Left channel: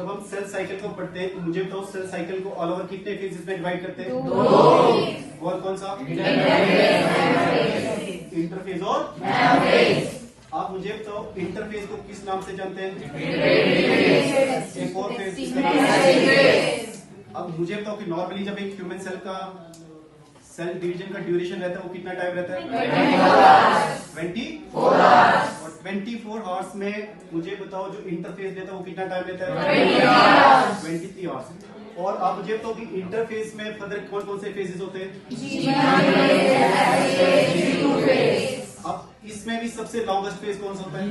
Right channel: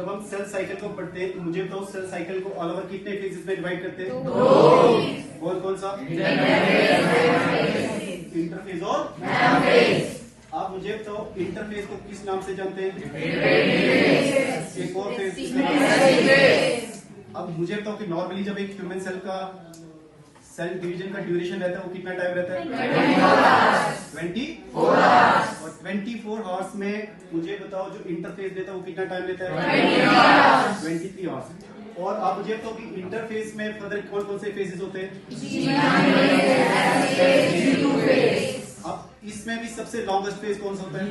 जब हम cell cycle को पढ़ते हैं तो मुझे बताओ सेल साइकिल को ऑल ओवर कितने फेजेस में डिवाइड करते हैं? दो। और कौन सा? इंटरफेज और आप मुझे बताओ इंटरफेस को किस नाम से जानते हैं? एक और फेज। अब मुझे बताओ कि नॉर्मली जब एक ह्यूमन सेल का सेल डिवीजन का ड्यूरेशन रहता है वो कितना टाइम रहता है? 24 आवर्स। और 24 आवर्स में मुझे बताओ जो इंटरफेस देता है वो कितना टाइम लेता है? 23 आवर्स। और आप मुझे बताओ कि इंटरफेस में फर्दर कौन कौन से फेजेस होते हैं? अब इसमें भी सबसे लॉन्गेस्ट फेज कौन सा होता है?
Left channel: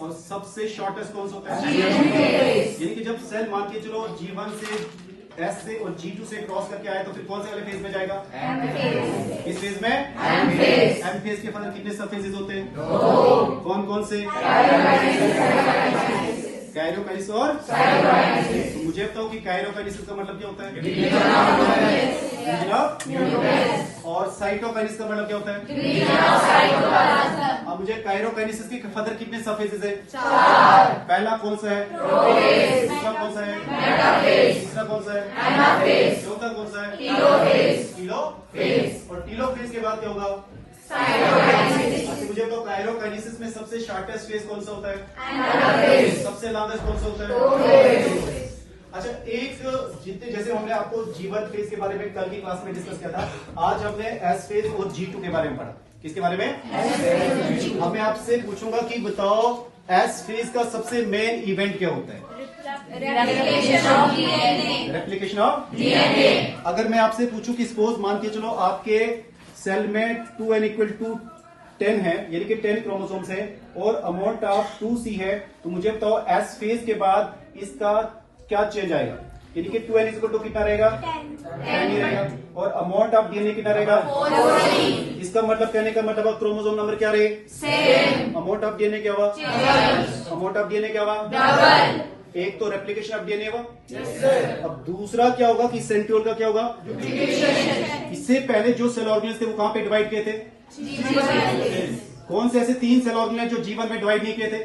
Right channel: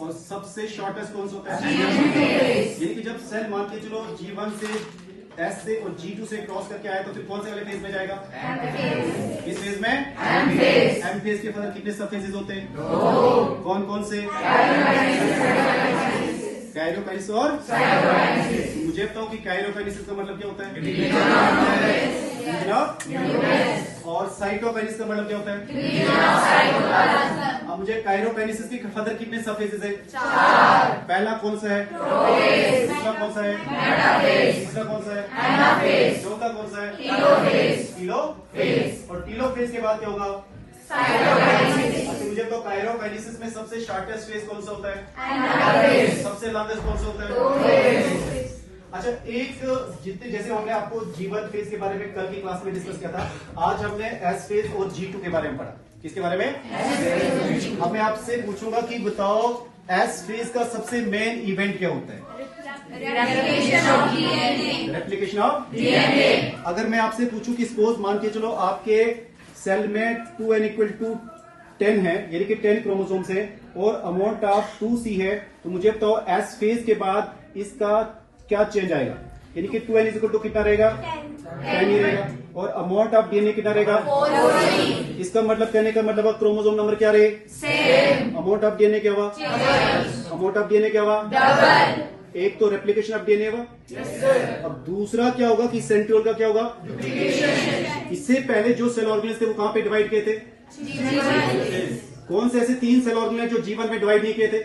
और सबसे शॉर्टेस्ट कौन सा होता है? यानी कि जब सेल मान के चलो G1 से S से और G2 से क्रॉस करके आए तो फिर कौन से वाले फेज में जाएगा? इस फेज में M फेज के फर्दर कितने सब फेजेस होते हैं? कौन कौन से? काइरोकाइनेसिस और तो मुझे बताओ कि काइरोकाइनेसिस का मतलब क्या होता है? और साइटोकाइनेसिस का मतलब क्या होता है? अब मुझे काइरोकाइनेसिस के फर्दर कितने सब फेजेस है? पहला कौन सा है? दूसरा कौन सा है? तीसरा कौन सा है? चौथा कौन सा है? टीलोफेज। और टीलोफेज के बाद क्या होगा? मुझे तो काइरोकाइनेसिस में सबसे शॉर्टेस्ट फेज कौन सा होता है? सबसे लॉन्गेस्ट कौन सा होता है? अच्छा, एक जितने जैसे हमने आपको G1 फेज के बारे में कल की क्लास में डिस्कस किया था, आज हमने S फेज और G2 के बारे में पढ़ा। किसके बारे में? अब मैं आपसे पूछूंगा कि बताओ S फेज का सबसे मेन इवेंट क्या होता है? Replication of DNA. अगर मैं आपसे पूछूं कि सपोज मान के चलो आपके सेल में 2n = 10 है, यानी कि 10 क्रोमोसोम्स है और अमाउंट ऑफ 2C है, तो मुझे बताओ S फेज के बाद इसका क्या चेंज आएगा? यानी कि 2n = कितना रहेगा? 10 ही रहेगा। और अमाउंट ऑफ डीएनए कितना रहेगा? 4C। इसका मतलब कहने का मतलब क्रोमोसोम नंबर क्या रहे? सेम। अमाउंट ऑफ डीएनए क्या हुआ? अमाउंट ऑफ डीएनए क्या हुआ? डबल। एक तो रेप्लिकेशन ऑफ डीएनए हुआ। अब दूसरा क्या होगा कि सेंट्रियोल का क्या होगा? इससे पहले जो सेल ऑर्गेनेल्स थे वो कहां पे डिवाइड किए थे? कौन से ऐसे 3 सेल ऑर्गेनेल्स जो G1 में डिवाइड नहीं किए थे?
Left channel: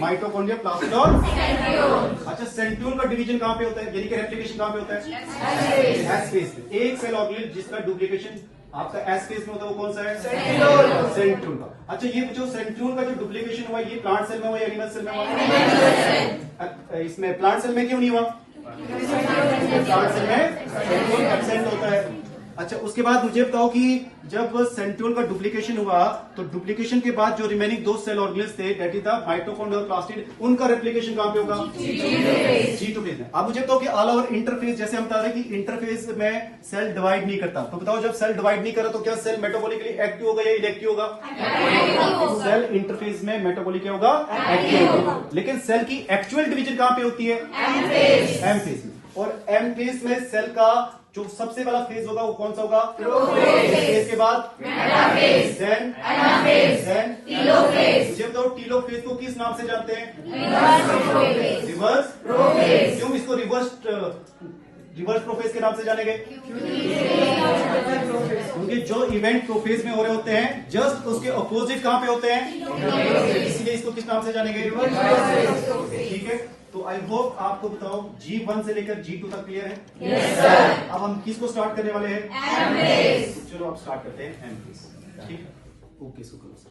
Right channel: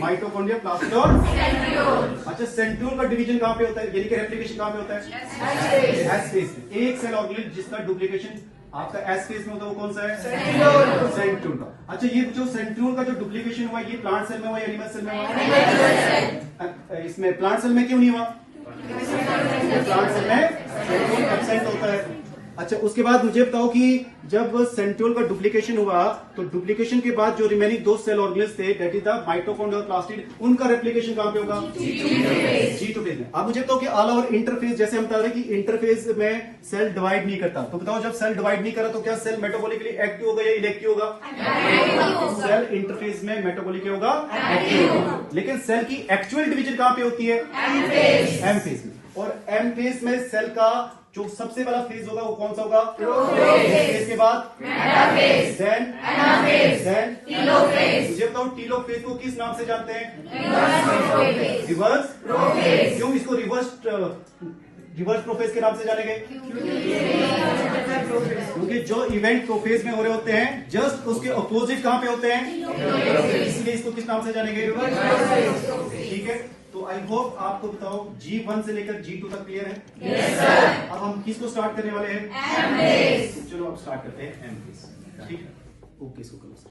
माइटोकॉन्ड्रिया, प्लास्टिड और सेंट्रियोल। अच्छा, सेंट्रियोल का डिवीजन कहां पे होता है? यानी कि रेप्लिकेशन कहां पे होता है? S फेज में। एक सेल ऑर्गेनेल जिसका डुप्लीकेशन आपका S फेज में होता है वो कौन सा है? सेंट्रियोल का। अच्छा, ये जो सेंट्रियोल का जो डुप्लीकेशन हुआ ये प्लांट सेल में हुआ या एनिमल सेल में हुआ? इसमें प्लांट सेल में क्यों नहीं हुआ? प्लांट सेल में सेंट्रियोल एब्सेंट होता है। अच्छा, उसके बाद मुझे बताओ कि जब सेंट्रियोल का डुप्लीकेशन हुआ तो डुप्लीकेशन के बाद जो रिमेनिंग 2 सेल ऑर्गेनेल्स थे दैट इज द माइटोकॉन्ड्रिया और प्लास्टिड, उनका रेप्लिकेशन कहां पे होगा? G2 फेज में। अब मुझे बताओ कि ऑल ओवर इंटरफेज, जैसे हम बता रहे हैं कि इंटरफेज में सेल डिवाइड नहीं करता, तो बताओ जब सेल डिवाइड नहीं करा तो क्या सेल मेटाबॉलिकली एक्टिव होगा या इनएक्टिव होगा? सेल इंटरफेज में मेटाबॉलिक होगा, एक्टिव होगा। लेकिन सेल की एक्चुअल डिवीजन कहां पे होती है? M फेज में। और M फेज में सेल का जो सबसे पहला फेज होगा वो कौन सा होगा? प्रोफेज के बाद metaphase, then anaphase, then telophase. ये तो टीलोफेज को किस नाम से जानते हैं? Reverse prophase. क्यों इसको रिवर्स प्रोफेज के नाम से जानेंगे? क्योंकि जो इवेंट प्रोफेज में हो रहे होते हैं जस्ट उसके अपोजिट कहां पे होते हैं, इसलिए इसको किस नाम से जानेंगे? ठीक है, तो आई होप आपको बताओ G1 से लेकर G2 तक क्लियर है? Yes sir. अब हम किसको स्टार्ट करने वाले हैं? M phase. चलो अब स्टार्ट करते हैं M फेज। ठीक है, ओके, इसको करो।